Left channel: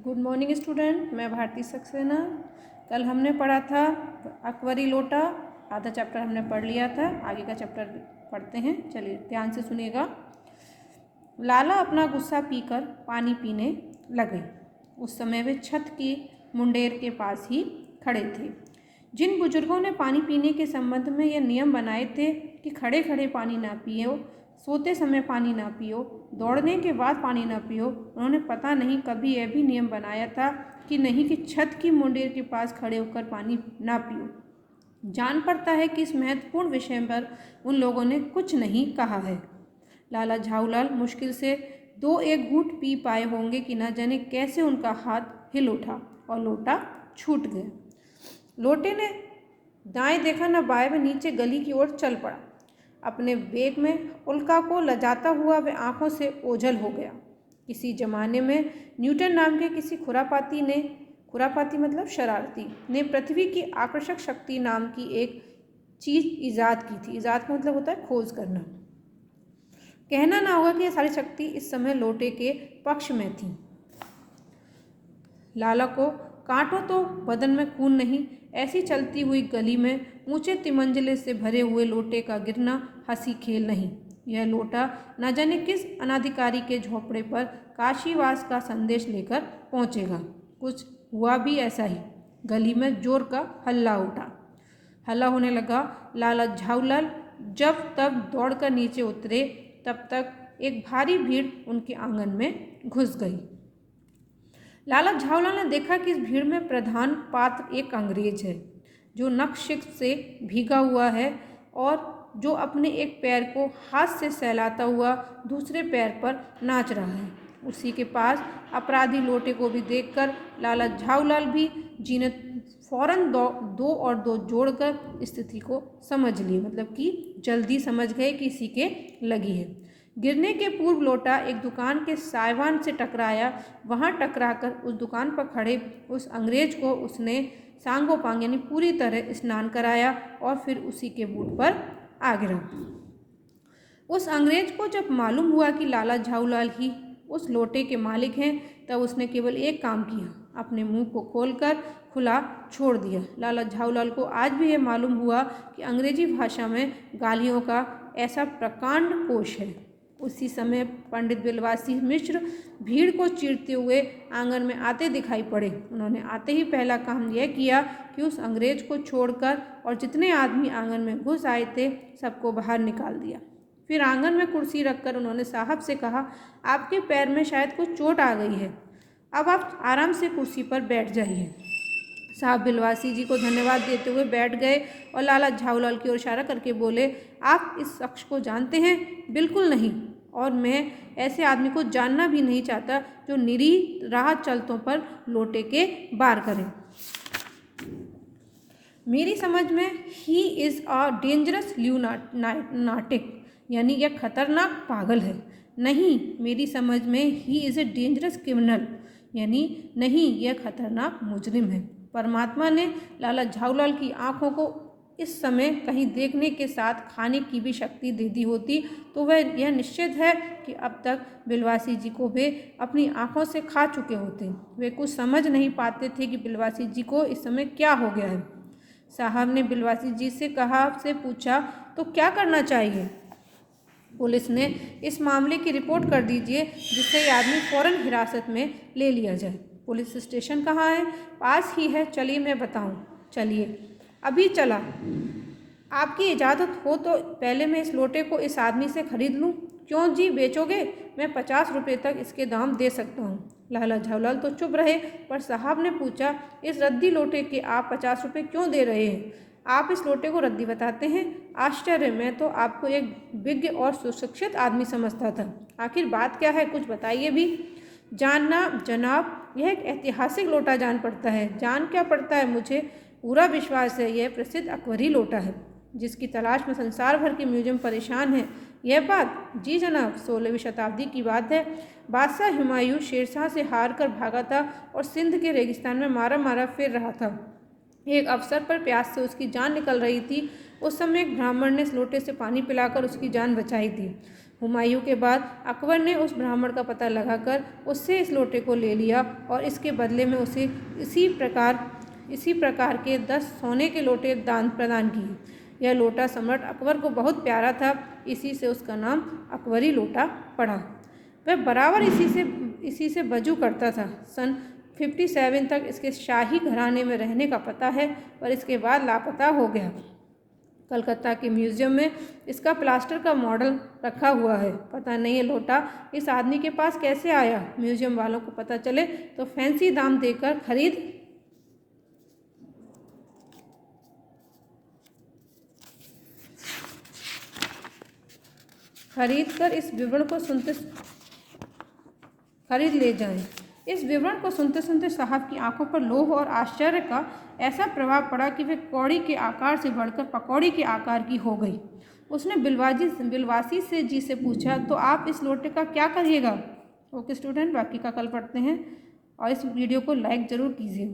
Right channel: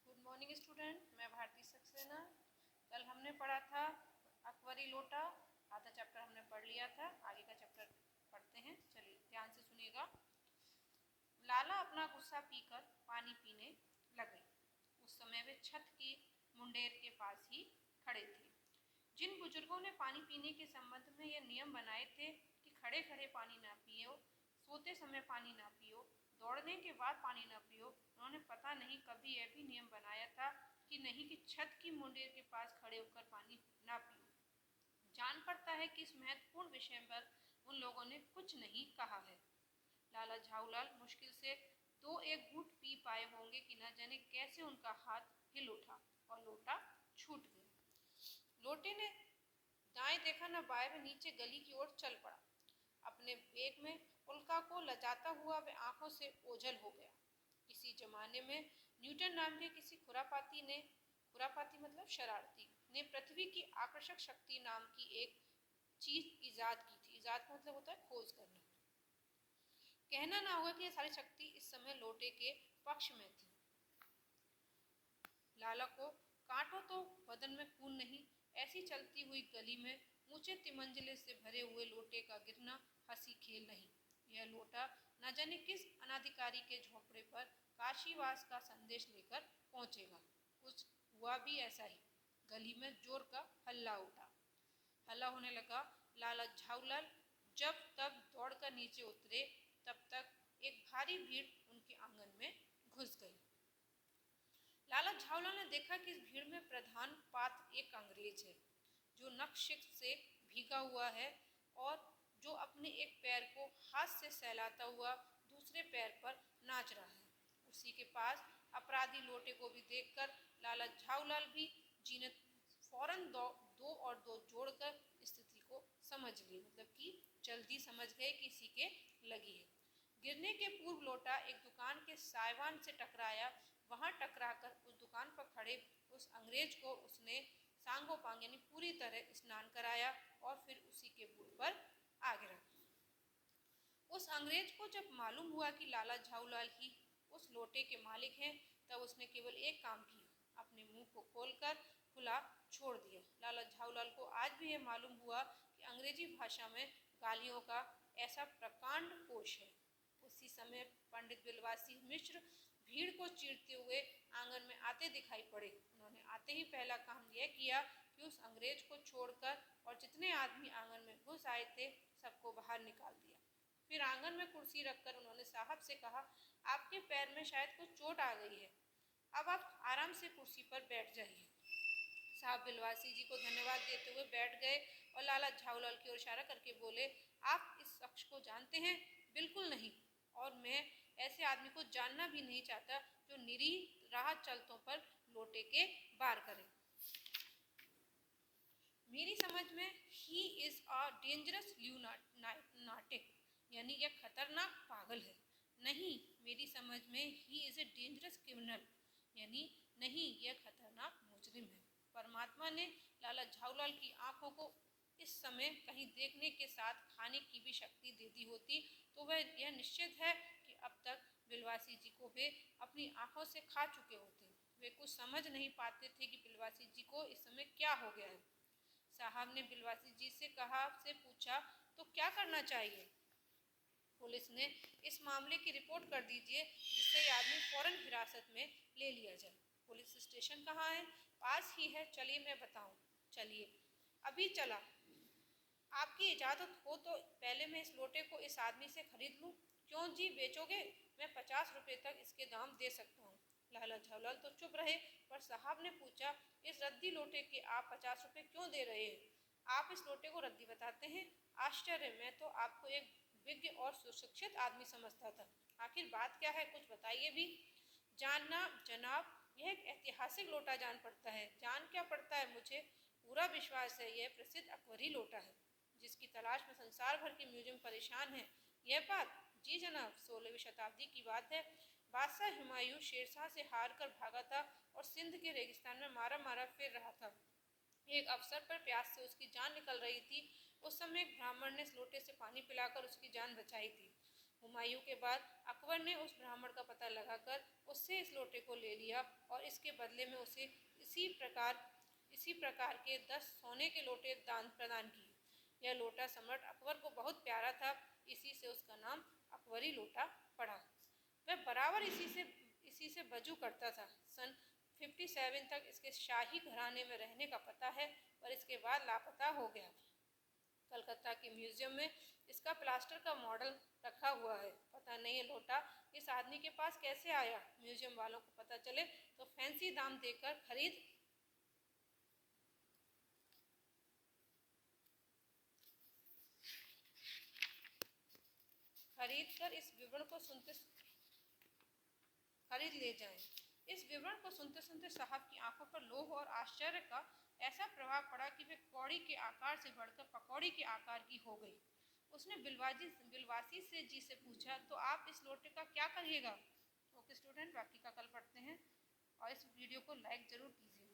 Good morning student, मैं भारती सक्सेना। कल हमने पढ़ा था अकबरी लोटा, आधा चैप्टर हमने पढ़ लिया था। आगे का चैप्टर पढ़ते हैं, चलिए ध्यान से सुनिएगा। लाला अपना गुस्सा पीकर पानी पीने लगे। उस समय वे छत की मुंडेर के पास ही खड़े थे। जिन बुजुर्गों ने पानी पीने के संबंध में यह नियम बनाए थे कि खड़े खड़े पानी ना पियो, सोते समय पानी ना पियो, दौड़ने के बाद पानी ना पियो, उन्होंने पता नहीं कभी यह भी नियम बनाया था कि नहीं कि छत की मुंडेर के पास खड़े होकर पानी ना पियो। जान पड़ता है कि इस महत्वपूर्ण विषय पर उन लोगों ने कुछ नहीं कहा है। लाला झाऊलाल मुश्किल से दो एक घूंट पी पाए होंगे कि न जाने कैसे उनका हाथ हिल उठा और लोटा छूट गया। लोटे ने दाएं देखा न बाएं में नीचे गली की ओर चल पड़ा। अपने वेग में उल्का को लजाता हुआ वह आंखों से ओझल हो गया। किसी जमाने में न्यूटन नाम के किसी खुरापाती ने, खुरापाती मतलब शरारती, ने पृथ्वी की आकर्षक शक्ति नाम की एक चीज ईजाद की थी। ईजाद का मतलब होता है खोज करना। कहना ना होगा कि यह सारी शक्ति इस समय लोटे के पक्ष में थी। लाला को कांटो तो बदन में खून नहीं, ऐसी चलती हुई गली में ऊंचे तिमंजले से भरे हुए लोटे का गिरना हंसी खेल नहीं। यह लोटा न जाने किस अनाधिकारी के झोपड़े पर काशीवास का संदेश लेकर पहुंचेगा। कुछ हुआ भी ऐसा ही। गली में जोर का हल्ला उठा। हल्ला होने लगा। लाला झाऊलाल जब तब दौड़कर नीचे उतरे, तब तक एक भारी भीड़ उनके आंगन में घुस गई। लाला झाऊलाल ने देखा कि इस भीड़ में प्रधान पात्र एक अंग्रेज है जो नखशिख से भीगा हुआ है और जो अपने एक पैर को हाथ से सहलाता हुआ दूसरे पैर पर नाच रहा है। उसी के पास अपराधी लोटे को भी देखकर लाला झाऊलाल भी जी ने फौरन दो और दो जोड़कर स्थिति को समझ ली, मतलब कि जल्दी समझ गए कि इसी के लगी है। गिरने के पूर्व लोटा एक दुकान के साइवान से टकराया। वहां टकराकर उस दुकान पर खड़े उस अंग्रेज को उसने सांगोपांग यानी पूरी तरह स्नान कराया और फिर उसी के बूट पर आ गिरा। उस अंग्रेज को जब मालूम हुआ कि लाला झाऊलाल ही उस लोटे के मालिक हैं, तब उसने केवल एक काम किया, अपने मुंह को खोलकर खुला छोड़ दिया। लाला झाऊलाल को आज भी यह मालूम हुआ कि अंग्रेजी भाषा में गालियों का ऐसा प्रकांड कोश है। उसी समय पंडित बिलवासी मिश्र भीड़ को चीरते हुए आंगन में आते दिखाई पड़े। उन्होंने आते ही पहला काम यह किया कि उस अंग्रेज को छोड़कर और जितने आदमी आंगन में घुस आए थे सबको बाहर निकाल दिया। फिर आंगन में कुर्सी रखकर उन्होंने साहब से कहा, आपके पैर में शायद कुछ चोट आ गई है, अब आप आराम से कुर्सी पर बैठ जाइए। साहब बिलवासी जी को धन्यवाद देते हुए बैठ गए और लाला झाऊलाल की ओर इशारा करके बोले, आप इस शख्स को जानते हैं? बिल्कुल नहीं, और मैं ऐसे आदमी को जानना भी नहीं चाहता जो निरीह राह चलतों पर लोटे के बार करे। मेरी समझ में ही इज़ अ डेंजरस ल्यूनाटिक, यानी यह खतरनाक पागल है। नहीं, मेरी समझ में he is a dangerous criminal, यानी नहीं, यह खतरनाक मुजरिम है। परमात्मा ने लाला झाऊलाल की आंखों को इस समय कहीं देखने के साथ खाने की भी शक्ति दे दी होती तो वह यह निश्चित है कि अब तक बिलवासी जी को वे अपनी आंखों से खा चुके होते। वे कुछ समझ नहीं पाते थे कि बिलवासी जी को इस समय क्या हो गया है। साहब ने बिलवासी जी से पूछा, तो क्या करना चाहिए? पुलिस ने इस मामले की रिपोर्ट कर दीजिए जिससे ये आदमी फौरन हिरासत में ले लिया जाए। पुलिस स्टेशन कहाँ है? पास ही है, चलिए मैं बताऊँ। चलिए, अभी चला। आपकी इजाज़त हो तो पहले मैं इस लोटे को इस आदमी से खरीद लूँ। क्यों जी, बेचोगे? मैं 50 रुपये तक इसके दाम दे सकता हूँ। लाला झाऊलाल तो चुप रहे, पर साहब ने पूछा, इस रद्दी लोटे के आप 50 रुपये क्यों दे रहे हैं? आप इस लोटे को रद्दी बताते हैं? आश्चर्य, मैं तो आपको एक विज्ञ और सुशिक्षित आदमी समझता था। आखिर बात क्या है, कुछ बताइए भी। जानना जनाब, यह एक ऐतिहासिक लोटा जान पड़ता है। जान क्या पड़ता है, मुझे पूरा विश्वास है यह प्रसिद्ध अकबरी लोटा है जिसकी तलाश में संसार भर के म्यूजियम परेशान है। यह बात? जी जनाब, 16वीं शताब्दी की बात है। बादशाह हुमायूं शेरशाह से हार कर भागा था और सिंध के रेगिस्तान में मारा मारा फिर रहा था। एक अवसर पर प्यास से उसकी जान निकल रही थी। उस समय एक ब्राह्मण ने इस लोटे से पानी पिलाकर उसकी जान बचाई थी। हुमायूं के बाद अकबर ने उस ब्राह्मण का पता लगाकर उससे इस लोटे को ले लिया और इसके बदले में उसे इसी प्रकार के 10 सोने के लोटे दान प्रदान किए। यह लोटा सम्राट अकबर को बहुत प्यारा था, इसी से उसका नाम अकबरी लोटा पड़ा। वह बराबर इसी से वजू करता था। सन 57 तक इसके शाही घराने में रहने का पता है, पर इसके बाद लापता हो गया। कलकत्ता के म्यूजियम में इसका प्लास्टर का मॉडल रखा हुआ है। पता नहीं ये लोटा इस आदमी के पास कैसे आया। म्यूजियम वालों को पता चले तो फैंसी दाम देकर खरीद कर इस विवरण को खरीद ले जाएं। इस विवरण को सुनते सुनते साहब की आंखों पर लोभ और आश्चर्य का ऐसा प्रभाव पड़ा कि वे कौड़ी के आकार से बढ़कर पकौड़ी के आकार की हो गई। उसने बिलवासी से पूछा, तो आप इस लोटे का क्या करिएगा? ओके स्टूडेंट, बाकी का कल पढ़ते हैं और इस वीडियो को लाइक ज़रूर कीजिए।